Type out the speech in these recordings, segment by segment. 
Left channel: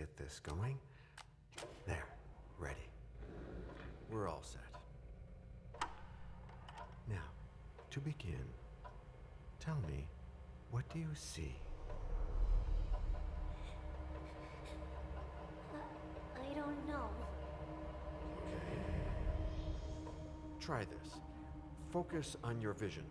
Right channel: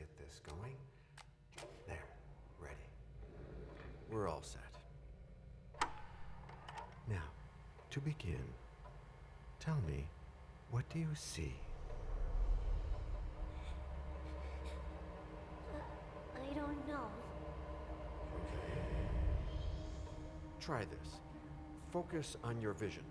get this going. There, ready. We're all set. Now, to begin, tell me, what do you see? I don't know. Okay. Try this. Focus on your vision.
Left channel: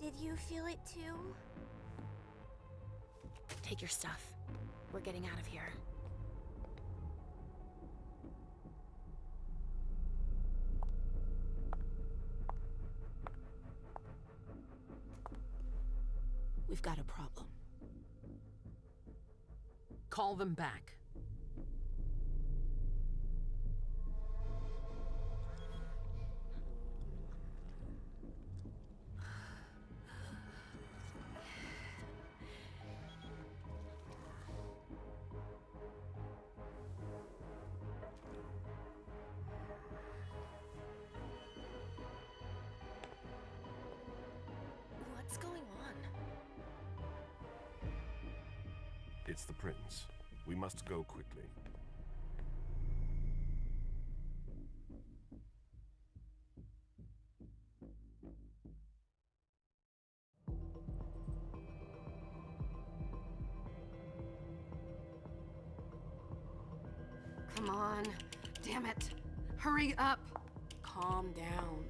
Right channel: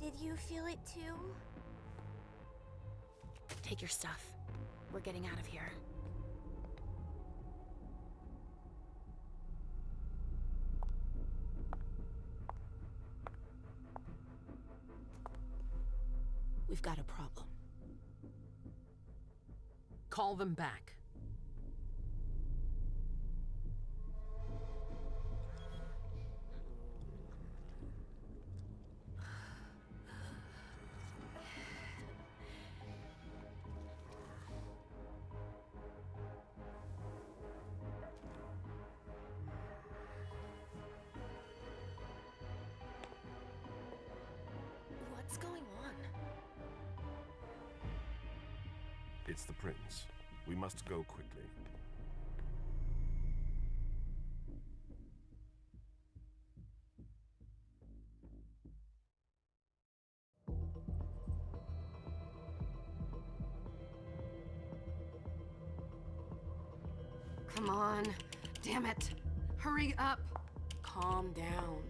Did you feel it too? Take your stuff. We're getting out of here. We've got a problem. Call them back. What's going on? It's the prince. We must go quickly. Come on. Damn it. Hurry up. Calm down.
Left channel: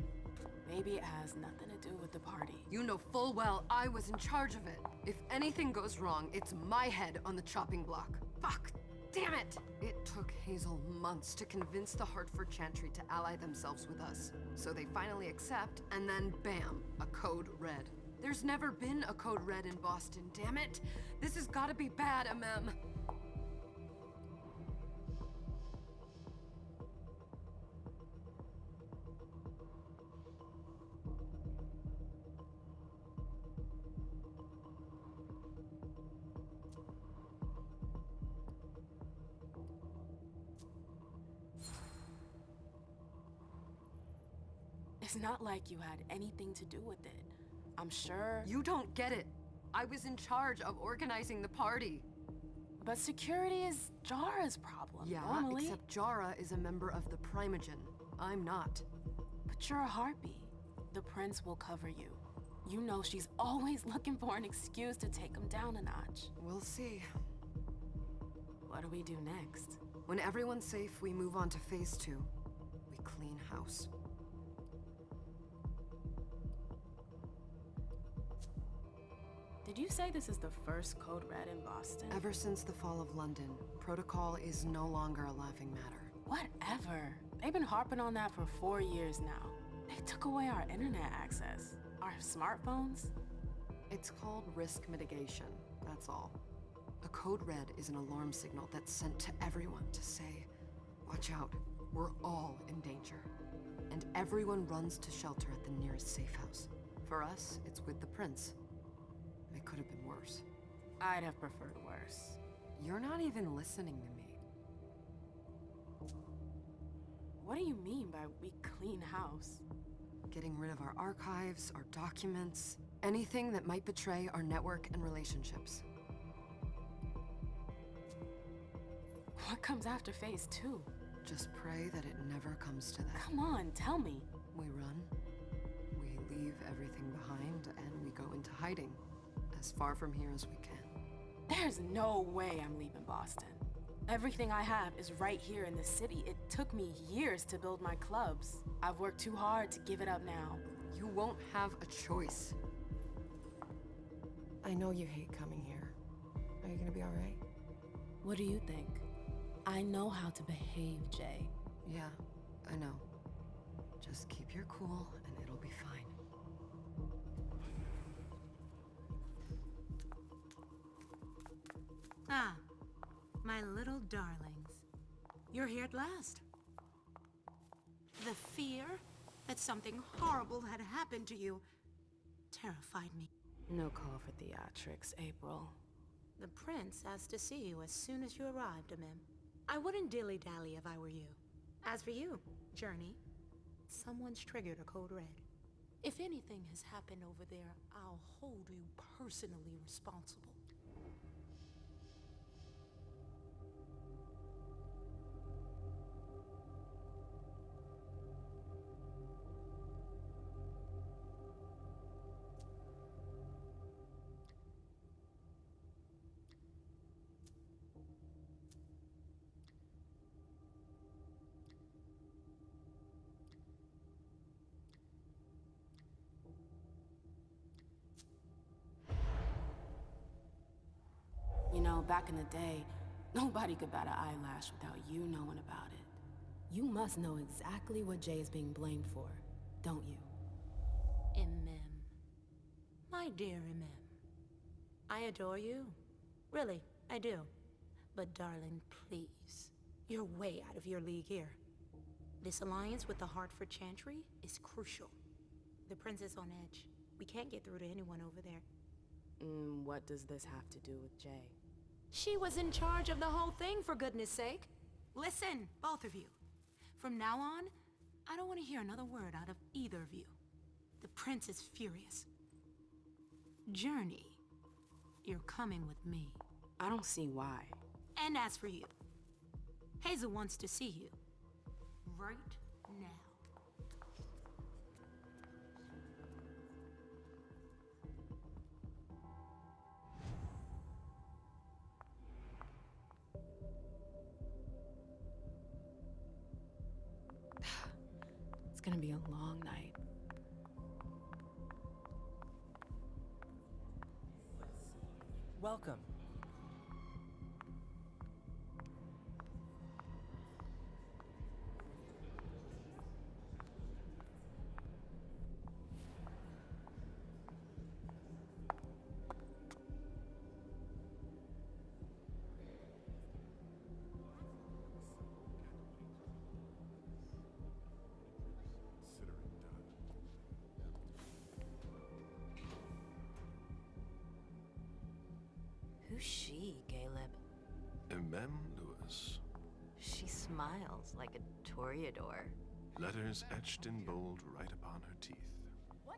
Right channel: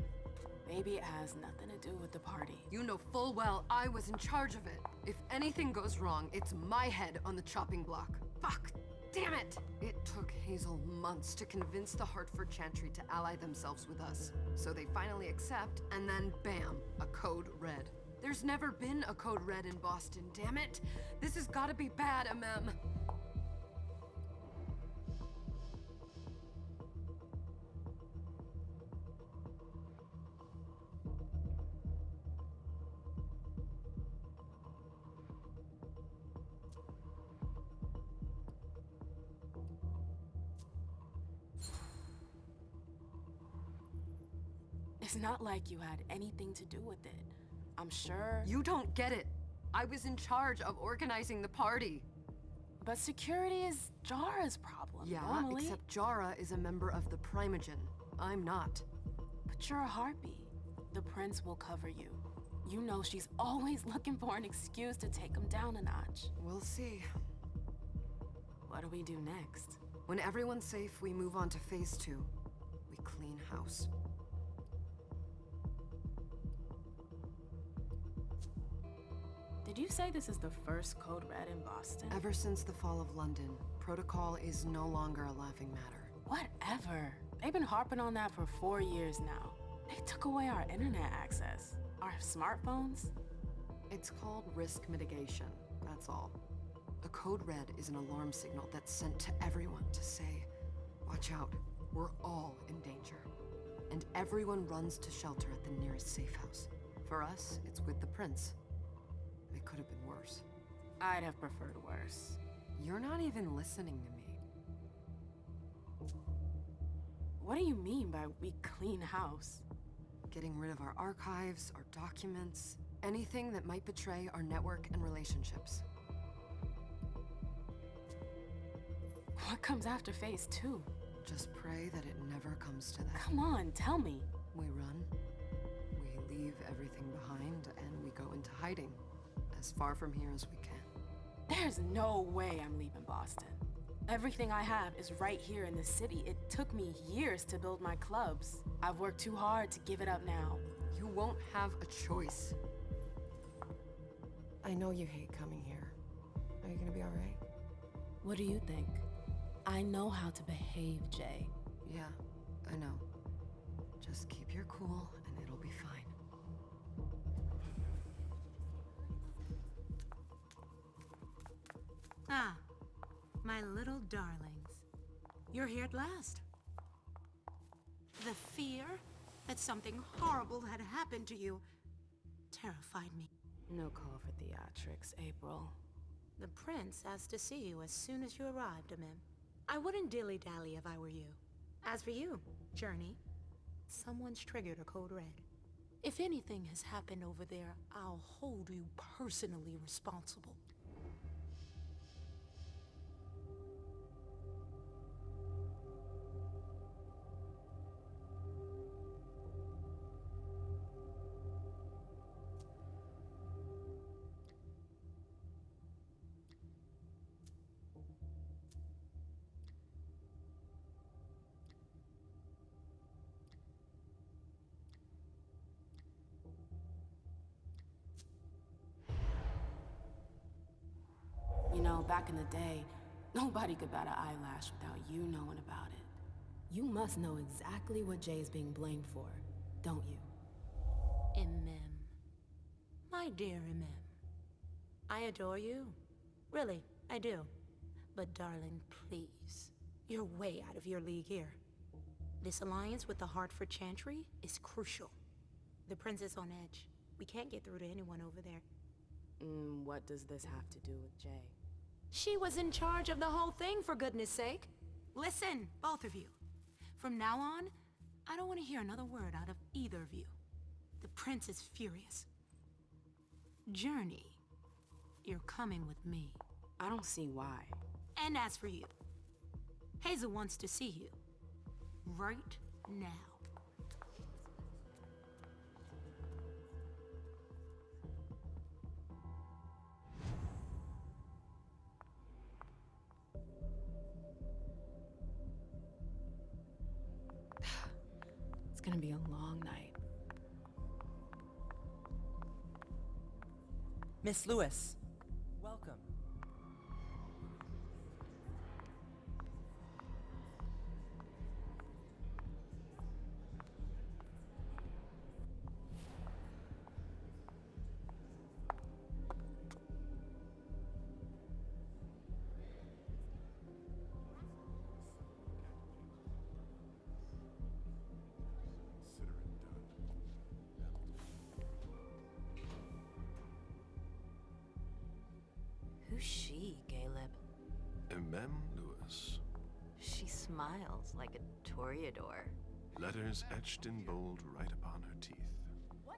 Maybe it has nothing to do with the party. You know full well I was in charge of it. If anything goes wrong, it's my head on the chopping block. Fuck! Damn it! It took Hazel months to convince the Hartford Chantry to ally themselves with us. So they finally accept, and then bam, a code red. There's never been a code red in Boston, damn it! This has gotta be bad, MM. It's not like you had anything to do with it. I'm sure. You don't get it. I was in charge of organizing the party. But security is Jara's problem, Yeah, normally. except Jara is a member of the Primogen. I'm not. But you're a harpy. The prince will cover you. You know she's always looking for an excuse to take him down a notch. We'll see. What do we do next? When everyone's safe, we move on to phase 2. We clean house. Did you say this is the first code red in Boston? Ever since the fall of London, protocol is no longer a laughing matter. Whatever. They've been harping on that for 4 years now. They took away our internet access. Our smartphones. It's called risk mitigation, that's all. A code red is an alarm signal that's sent to everyone to say, watch out, we're all in danger. And everyone runs to shelter at the nearest safe house. For us, it's with the prince. It could have been worse. I'd have preferred worse. You're not even listening to me. What do you mean by we clean house? Getting rid of our archives, our documents, anything that might betray our network and relationships. What comes after phase 2? Just pray that it never comes to that. Come on, tell me. We run, we leave everything behind, and we go into hiding, as far from here as we can. There's no way I'm leaving Boston. Everything I have is right here in the city. It took me years to build my clubs. I've worked too hard to give it up now. You won't have a choice. I know you hate coming here. Are you gonna be all right? What do you think? I know how to behave, Jay. Yeah, I know. Just keep your cool and it'll be fine. Ah, my little darlings. You're here at last. The fear that something horrible had happened to you terrified me. No call for theatrics, April. The prince asked to see you as soon as you arrived, Amim. I wouldn't dilly-dally if I were you. As for you, Journey, someone's triggered a code red. If anything has happened over there, I'll hold you personally responsible. You know, back in the day, nobody could bat an eyelash without you knowing about it. You must know exactly what Jay is being blamed for, don't you? Imem. My dear Imem. I adore you. Really, I do. But darling, please. You're way out of your league here. This alliance with the Hartford Chantry is crucial. The prince is on edge. We can't get through to anyone over there. What does this have to do with Jay? She was in charge of the whole thing, for goodness sake. Listen, both of you. From now on, I don't want to hear another word out of either of you. The prince is furious. Journey, you're coming with me. I don't see why. And as for you, Hazel wants to see you. Right now. It's gonna be a long night. Miss Lewis, welcome. Consider it done. Who's she, Caleb? Mem Lewis. She smiles like a toreador. Letters etched in bold right upon her teeth.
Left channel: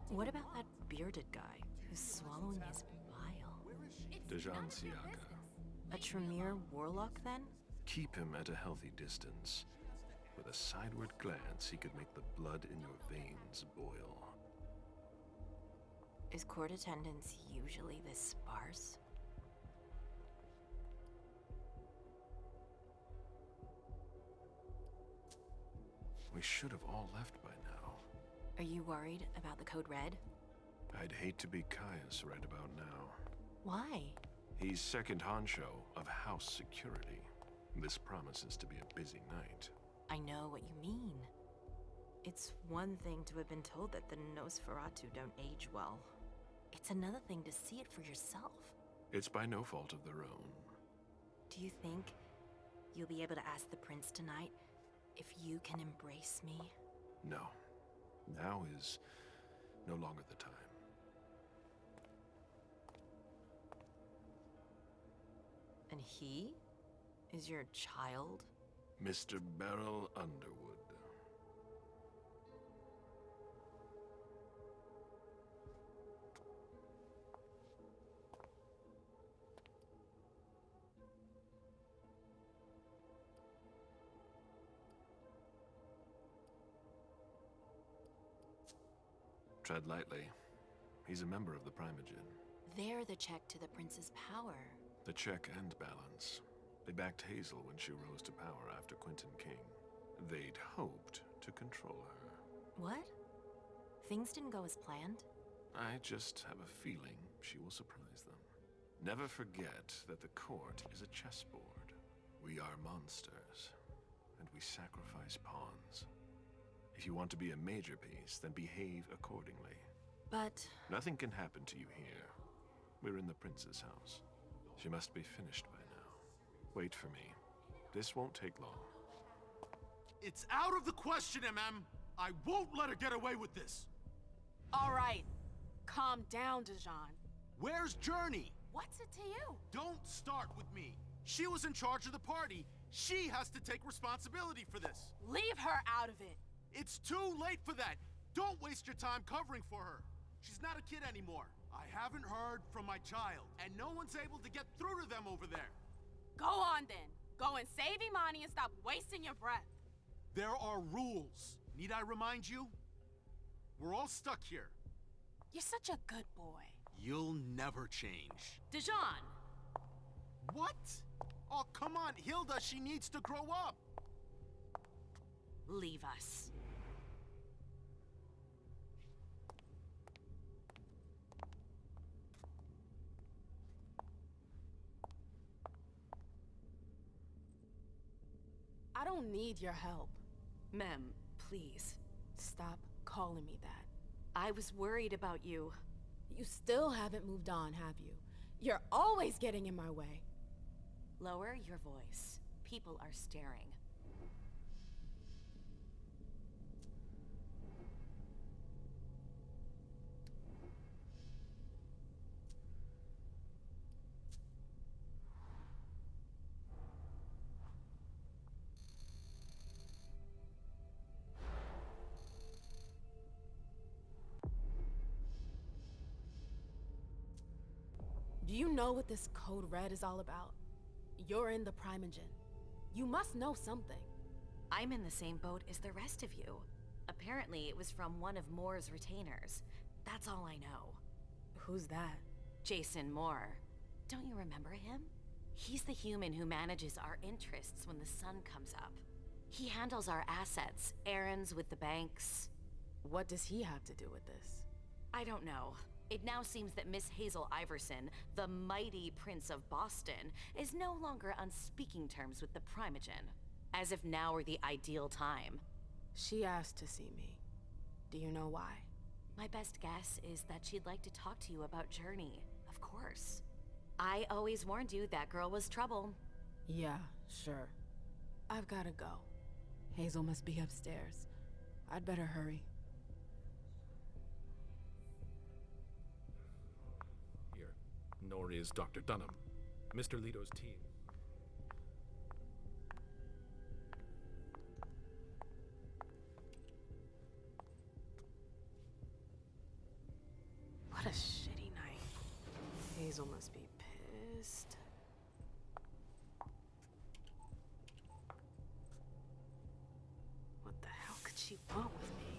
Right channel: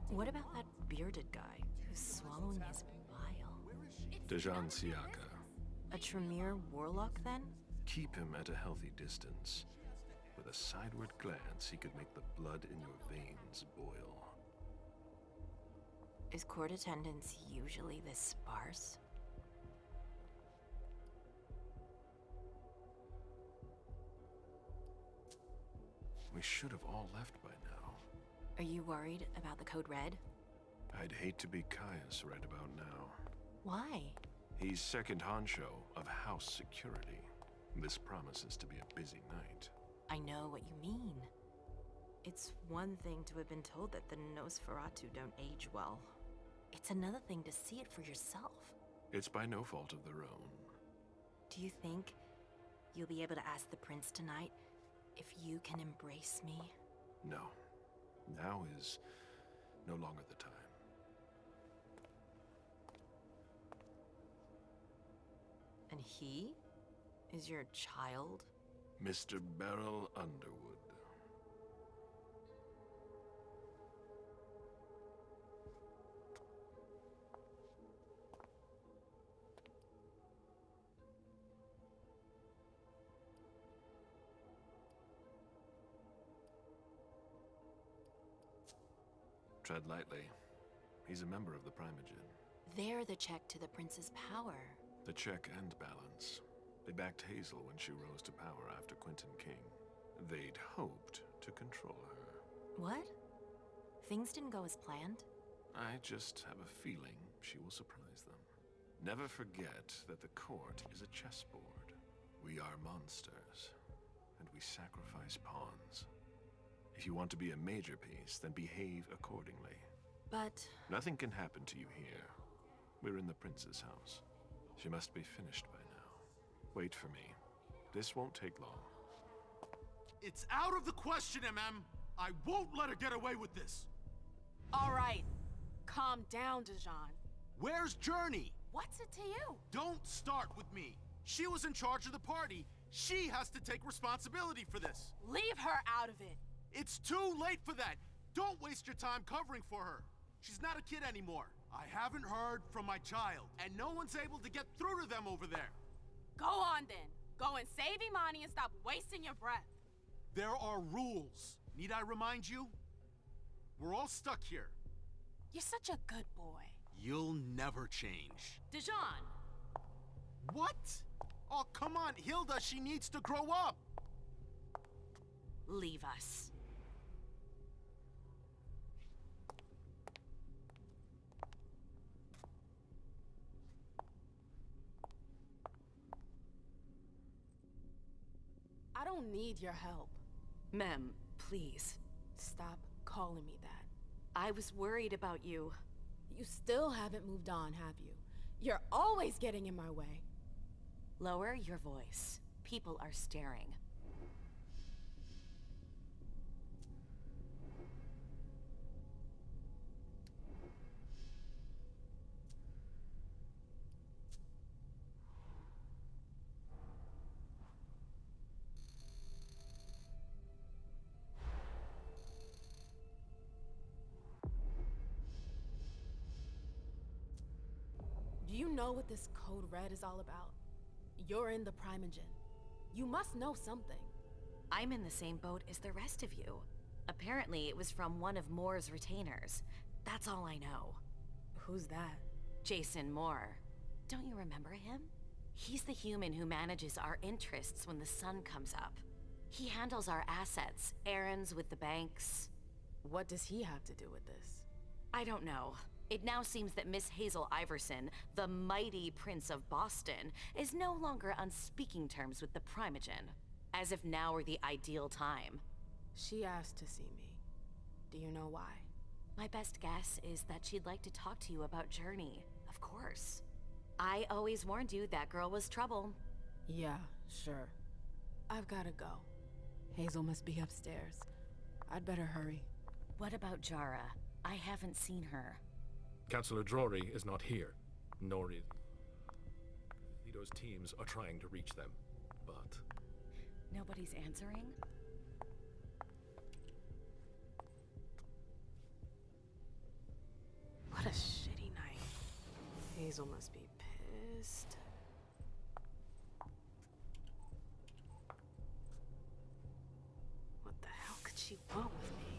What about that bearded guy who's swallowing his bile? Dejan Siaka. A Tremere warlock, then? Keep him at a healthy distance. With a sideward glance, he could make the blood in your veins boil. Is court attendance usually this sparse? We should have all left by now. Are you worried about the code red? I'd hate to be Caius right about now. Why? He's second honcho of house security. This promises to be a busy night. I know what you mean. It's one thing to have been told that the Nosferatu don't age well. It's another thing to see it for yourself. It's by no fault of their own. Do you think you'll be able to ask the prince tonight if you can embrace me? No. Now is no longer the time. And he is your child? Mr. Beryl Underwood. Tread lightly. He's a member of the Primogen. They're the check to the prince's power. The check and balance. They backed Hazel when she rose to power after Quentin King. They'd hoped to control her. What? Things didn't go as planned? I just have a feeling she will surprise them. Never forget that the court is a chessboard. We are monsters, and we sacrifice pawns. If you want to be a major piece, then behave accordingly. But... Nothing can happen to you here. We're in the prince's house. She must be finished by now. Wait for me. This won't take long. It's out of the question, MM! I won't let her get away with this! All right. Calm down, Dijon. Where's Journey? What's it to you? Don't start with me. She was in charge of the party. She has to take responsibility for this. Leave her out of it. It's too late for that. Don't waste your time covering for her. She's not a kid anymore. I haven't heard from my child, and no one's able to get through to them over there. Go on then. Go and save Imani and stop wasting your breath. There are rules. Need I remind you? We're all stuck here. You're such a good boy. You'll never change. Dijon! What? Oh, come on, Hilda, she needs to grow up. Leave us. I don't need your help. Mem, please. Stop calling me that. I was worried about you. You still haven't moved on, have you? You're always getting in my way. Lower your voice. People are staring. Do you know what this Code Red is all about? You're in the Primogen. You must know something. I'm in the same boat as the rest of you. Apparently, it was from one of Moore's retainers. That's all I know. Who's that? Jason Moore. Don't you remember him? He's the human who manages our interests when the sun comes up. He handles our assets, errands with the banks. What does he have to do with this? I don't know. It now seems that Miss Hazel Iverson, the mighty Prince of Boston, is no longer on speaking terms with the Primogen. As if now were the ideal time. She asked to see me. Do you know why? My best guess is that she'd like to talk to you about Journey, of course. I always warned you that girl was trouble. Yeah, sure. I've gotta go. Hazel must be upstairs. I'd better hurry. What about Jara? I haven't seen her. Councillor Drury is not here, nor is Dr. Dunham. Mr. Leto's teams are trying to reach them, but... Nobody's answering? What a shitty night. Hazel must be pissed. What the hell could she want with me?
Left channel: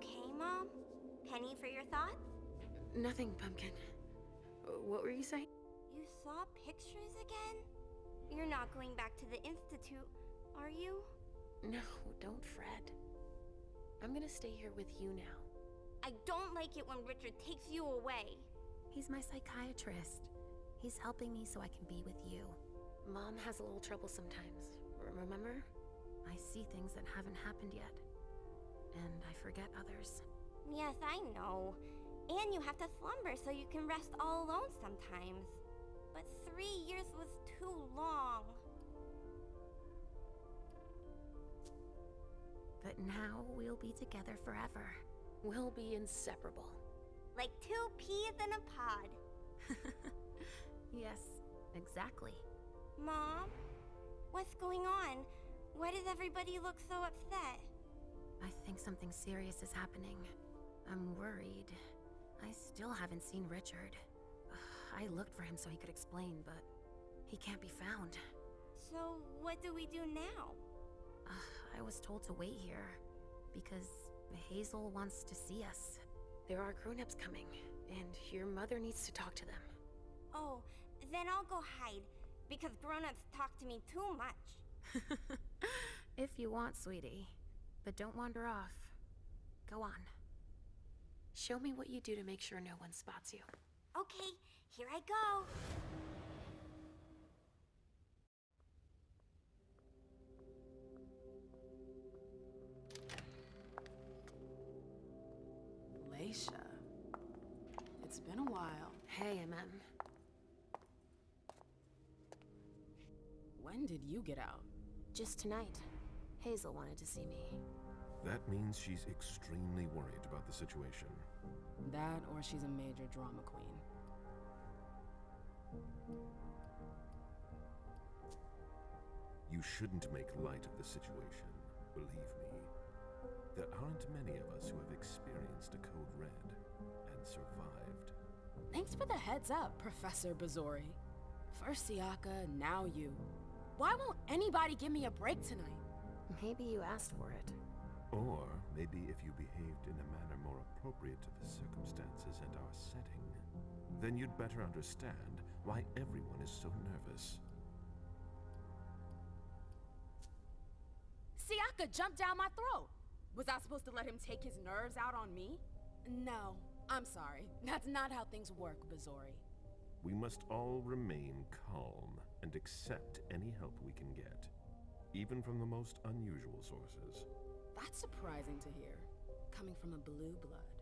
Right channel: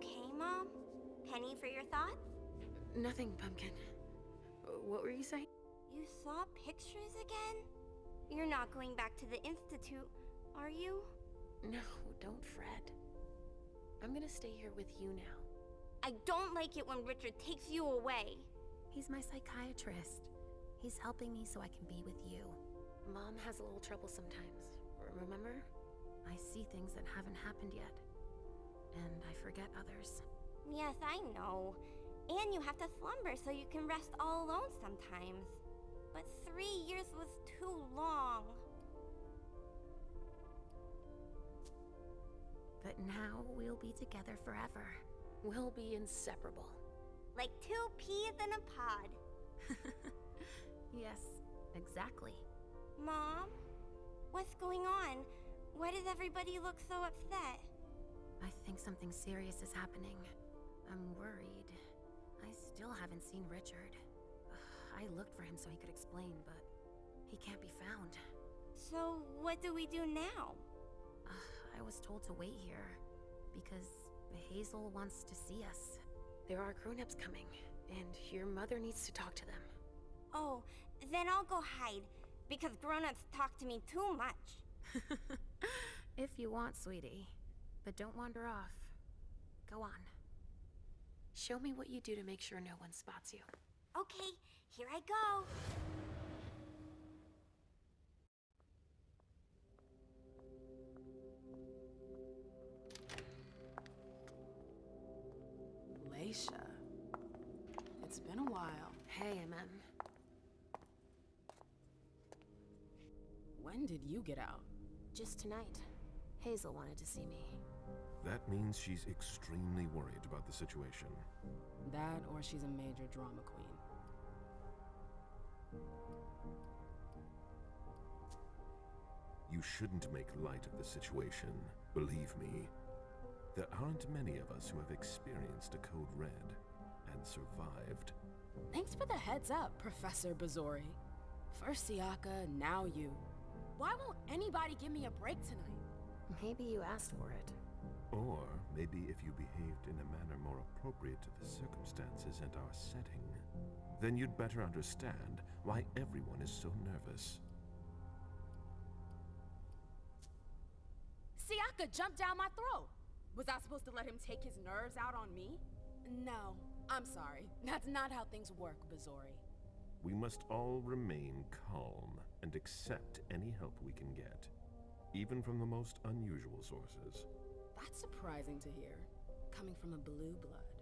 okay, Mom? Penny for your thoughts? Nothing, Pumpkin. What were you saying? You saw pictures again? You're not going back to the Institute, are you? No, don't fret. I'm gonna stay here with you now. I don't like it when Richard takes you away. He's my psychiatrist. He's helping me so I can be with you. Mom has a little trouble sometimes, remember? I see things that haven't happened yet. And I forget others. Yes, I know. And you have to slumber so you can rest all alone sometimes. But 3 years was too long. But now we'll be together forever. We'll be inseparable. Like 2 peas in a pod. Yes, exactly. Mom? What's going on? Why does everybody look so upset? I think something serious is happening. I'm worried. I still haven't seen Richard. I looked for him so he could explain, but he can't be found. So what do we do now? I was told to wait here because Hazel wants to see us. There are grown-ups coming, and your mother needs to talk to them. Oh, then I'll go hide, because grown-ups talk to me too much. If you want, sweetie. But don't wander off. Go on. Show me what you do to make sure no one spots you. Okay, here I go. Leisha. It's been a while. Hey, MM. When did you get out? Just tonight. Hazel wanted to see me. That means she's extremely worried about the situation. That or she's a major drama queen. You shouldn't make light of the situation, believe me. There aren't many of us who have experienced a code red and survived. Thanks for the heads up, Professor Bazori. First Siaka, now you. Why won't anybody give me a break tonight? Maybe you asked for it. Or maybe if you behaved in a manner more appropriate to the circumstances and our setting, then you'd better understand why everyone is so nervous. Siaka jumped down my throat. Was I supposed to let him take his nerves out on me? No, I'm sorry. That's not how things work, Bazori. We must all remain calm and accept any help we can get, even from the most unusual sources. That's surprising to hear, coming from a blue blood.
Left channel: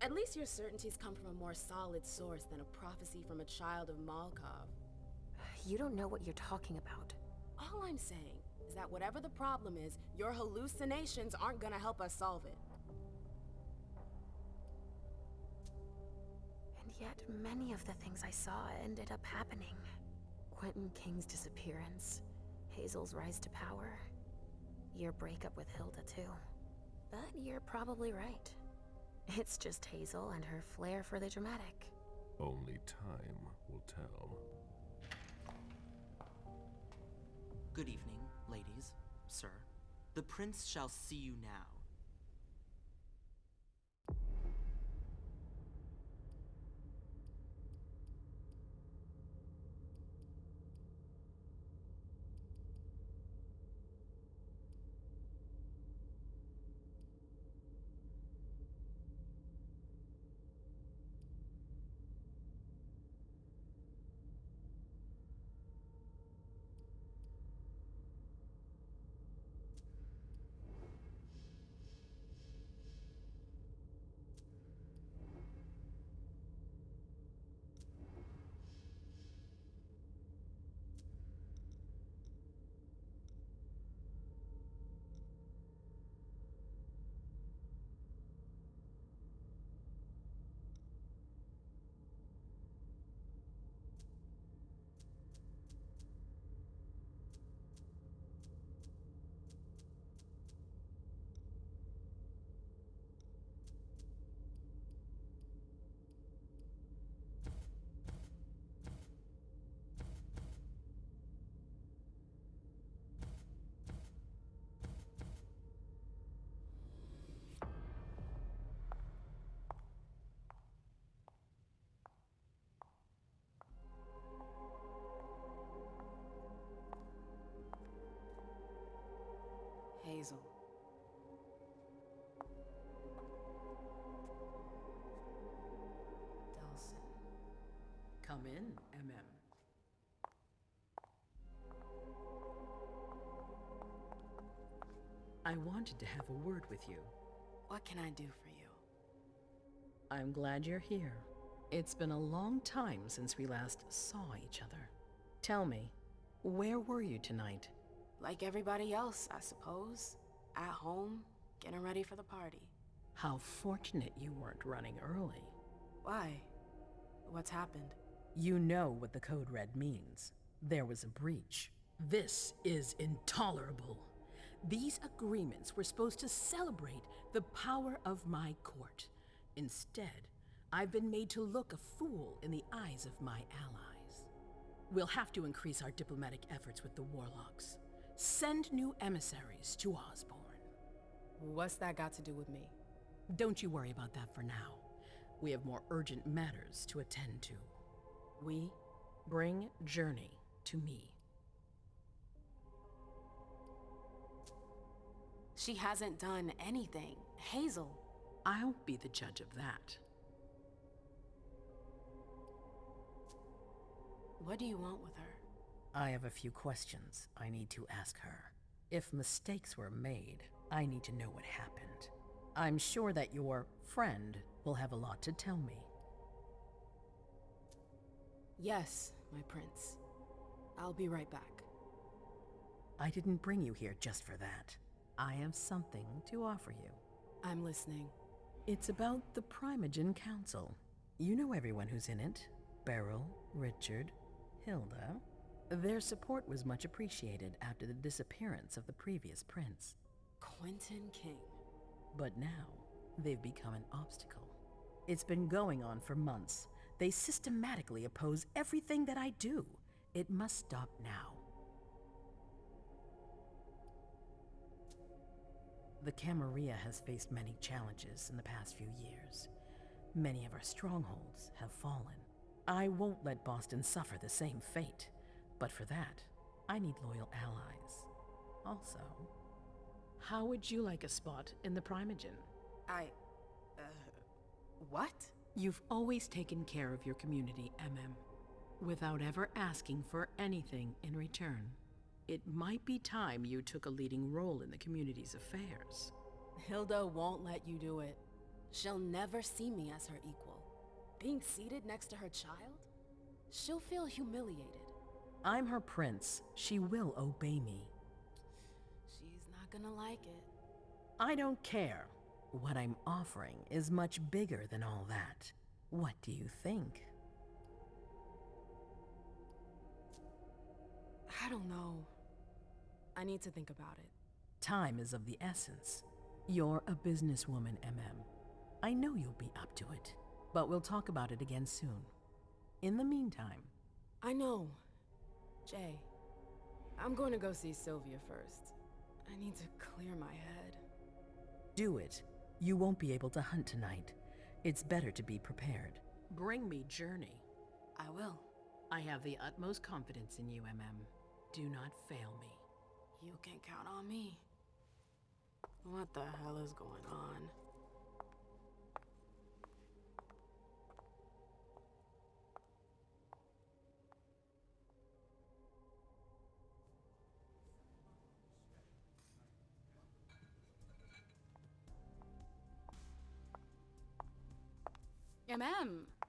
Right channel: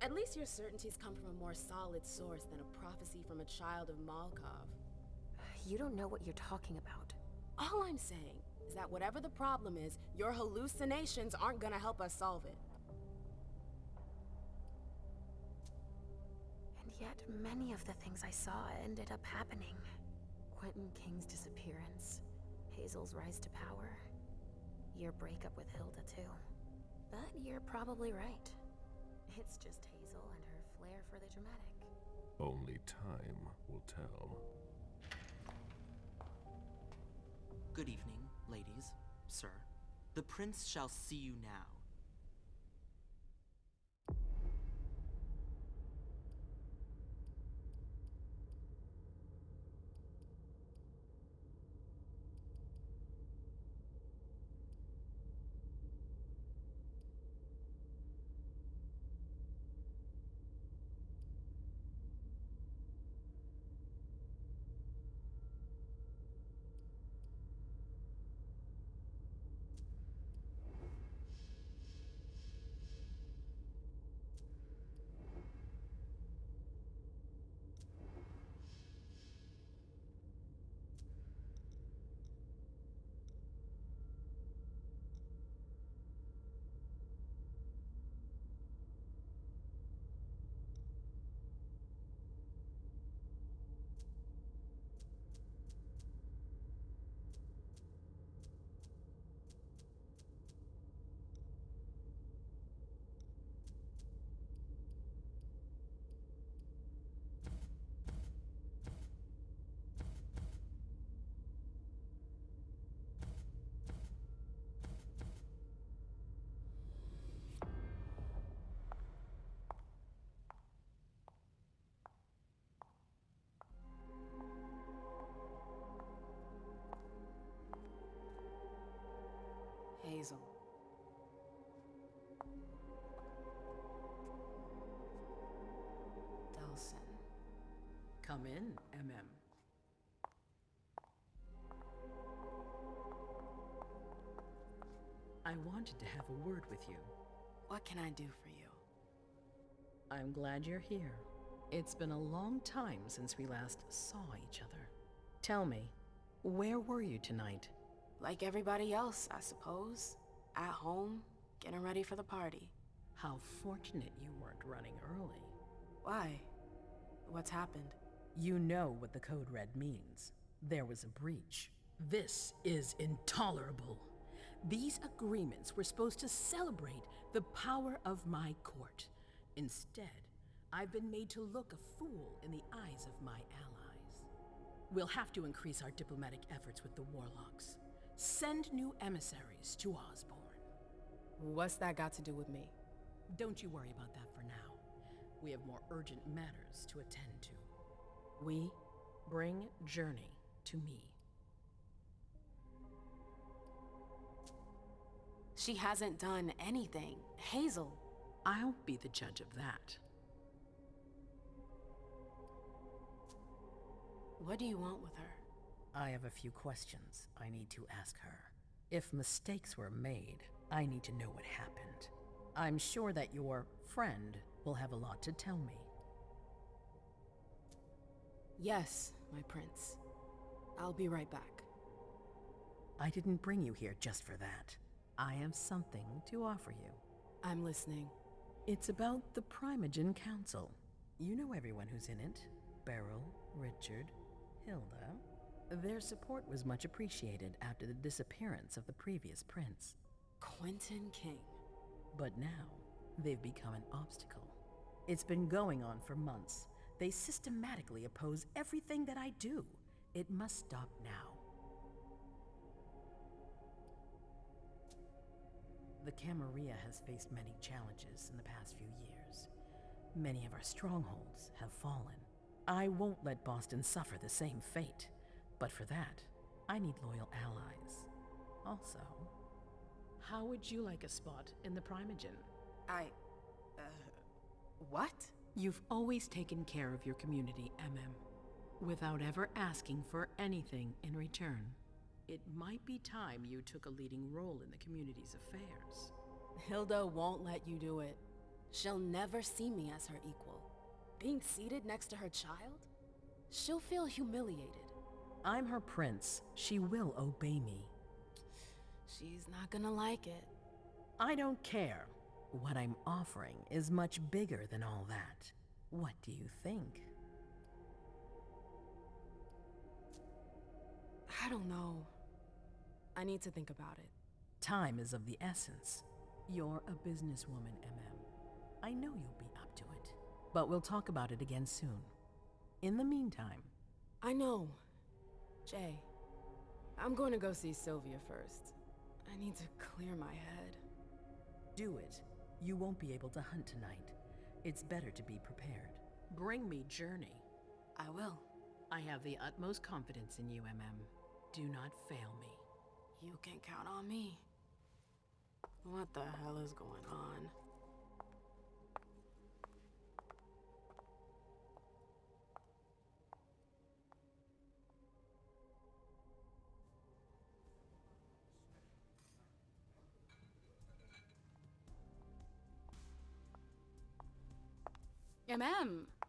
At least your certainties come from a more solid source than a prophecy from a child of Malkov. You don't know what you're talking about. All I'm saying is that whatever the problem is, your hallucinations aren't gonna help us solve it. And yet, many of the things I saw ended up happening. Quentin King's disappearance, Hazel's rise to power, your breakup with Hilda too. But you're probably right. It's just Hazel and her flair for the dramatic. Only time will tell. Good evening, ladies, sir. The prince shall see you now. Come in, MM. I wanted to have a word with you. What can I do for you? I'm glad you're here. It's been a long time since we last saw each other. Tell me, where were you tonight? Like everybody else, I suppose. At home, getting ready for the party. How fortunate you weren't running early. Why? What's happened? You know what the Code Red means. There was a breach. This is intolerable. These agreements were supposed to celebrate the power of my court. Instead, I've been made to look a fool in the eyes of my allies. We'll have to increase our diplomatic efforts with the Warlocks. Send new emissaries to Osborne. What's that got to do with me? Don't you worry about that for now. We have more urgent matters to attend to. We bring Journey to me. She hasn't done anything. Hazel. I'll be the judge of that. What do you want with her? I have a few questions I need to ask her. If mistakes were made, I need to know what happened. I'm sure that your friend will have a lot to tell me. Yes, my prince. I'll be right back. I didn't bring you here just for that. I have something to offer you. I'm listening. It's about the Primogen Council. You know everyone who's in it. Beryl, Richard, Hilda. Their support was much appreciated after the disappearance of the previous prince. Quentin King. But now, they've become an obstacle. It's been going on for months. They systematically oppose everything that I do. It must stop now. The Camarilla has faced many challenges in the past few years. Many of our strongholds have fallen. I won't let Boston suffer the same fate. But for that, I need loyal allies. Also, how would you like a spot in the Primogen? What? You've always taken care of your community, MM, without ever asking for anything in return. It might be time you took a leading role in the community's affairs. Hilda won't let you do it. She'll never see me as her equal. Being seated next to her child? She'll feel humiliated. I'm her prince. She will obey me. She's not gonna like it. I don't care. What I'm offering is much bigger than all that. What do you think? I don't know. I need to think about it. Time is of the essence. You're a businesswoman, MM. I know you'll be up to it, but we'll talk about it again soon. In the meantime... I know. Jay, I'm going to go see Sylvia first. I need to clear my head. Do it. You won't be able to hunt tonight. It's better to be prepared. Bring me Journey. I will. I have the utmost confidence in you, MM. Do not fail me. You can count on me. What the hell is going on?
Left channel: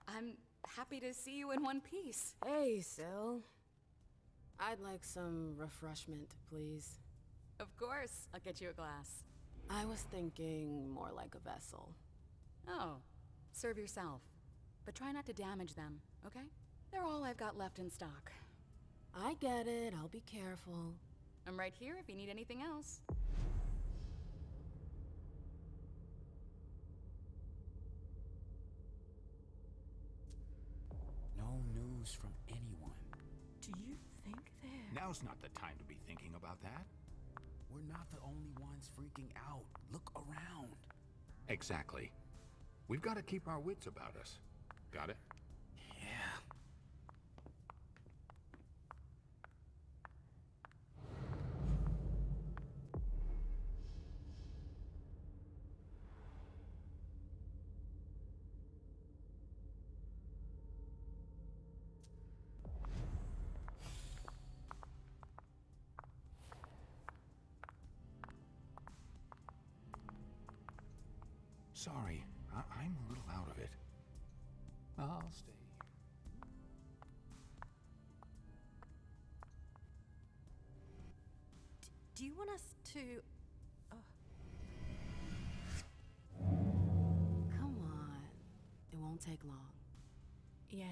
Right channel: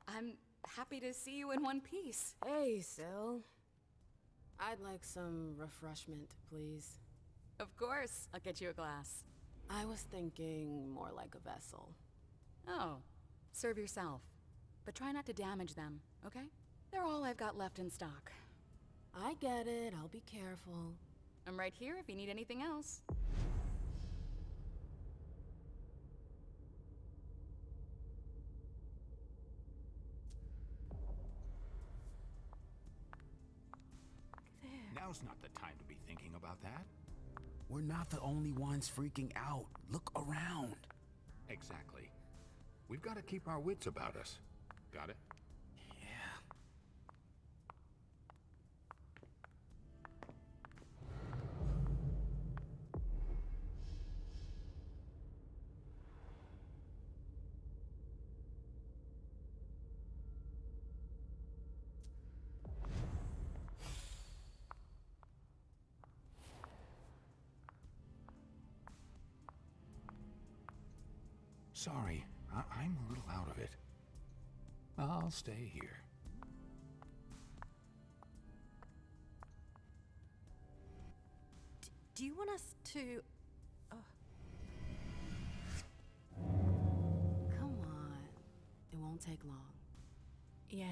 I'm happy to see you in one piece. Hey, Syl. I'd like some refreshment, please. Of course, I'll get you a glass. I was thinking more like a vessel. Oh, serve yourself. But try not to damage them, okay? They're all I've got left in stock. I get it, I'll be careful. I'm right here if you need anything else. Now's not the time to be thinking about that. We're not the only ones freaking out. Look around. Exactly. We've got to keep our wits about us. Got it? Yeah. Sorry, I'm a little out of it. I'll stay here. Do you want us to... Come on. It won't take long. Yes.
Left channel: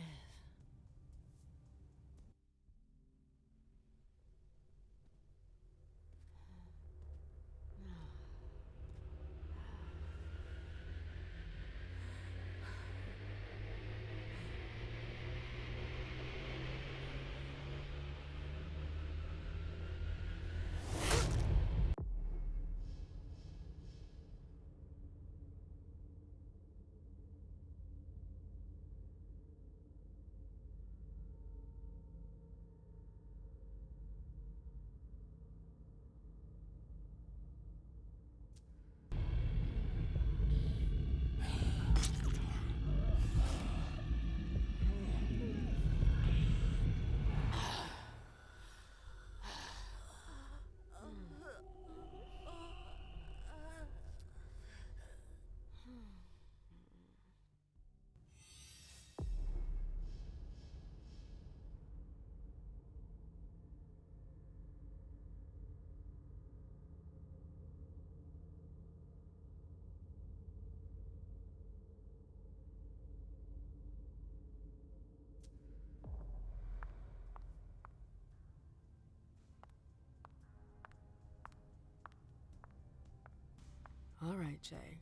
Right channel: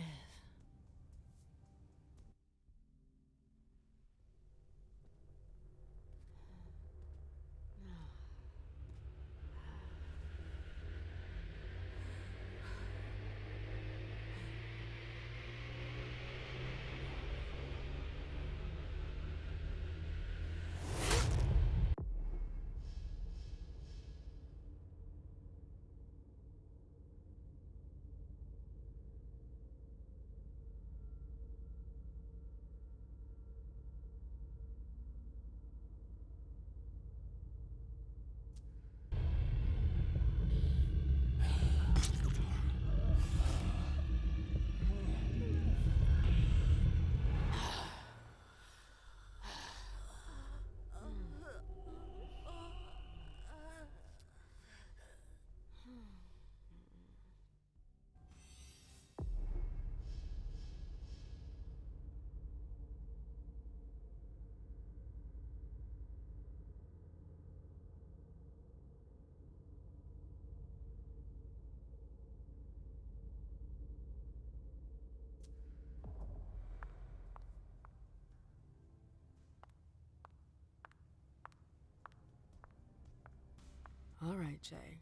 All right, Jay.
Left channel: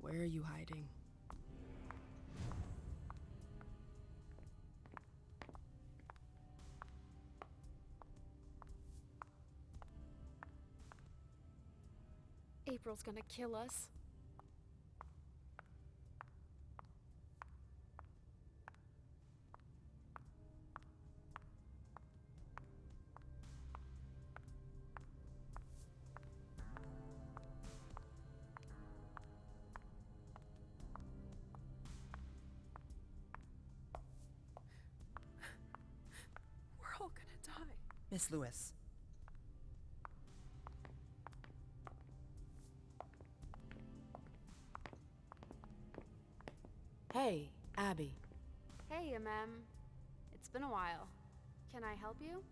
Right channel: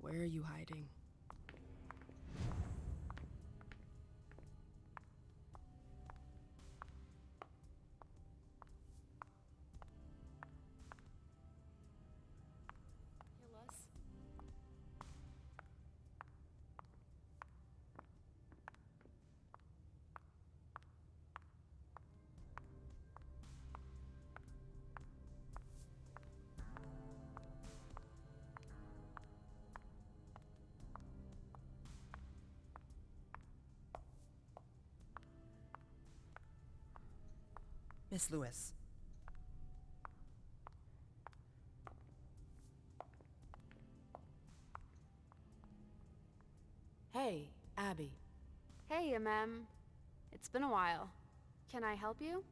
Where are you hiding? April's gonna kill us. We're all gonna die. Miss Lewis. Hey, Abby. Hey, It's been a while. Can I help you?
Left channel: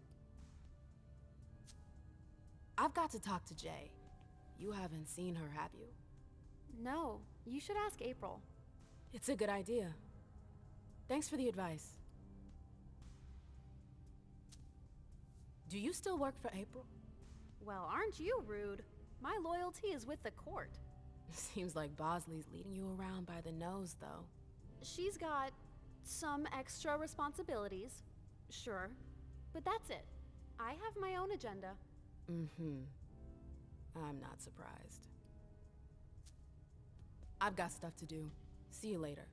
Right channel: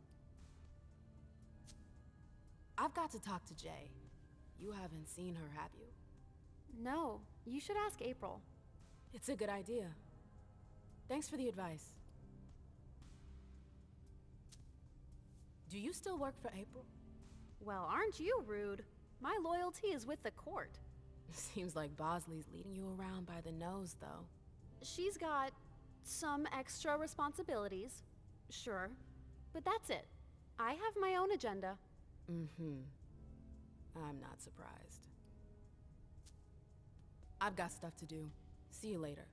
I've got to talk to Jay. You haven't seen her, have you? No, you should ask April. It's a good idea. Thanks for the advice. Do you still work for April? Well, aren't you rude? My loyalty is with the court. Seems like Bosley's leading you around by the nose, though. She's got some extra responsibilities, sure, but that's it. I have my own agenda. Mm-hmm. I'm not surprised. I've got stuff to do. See you later.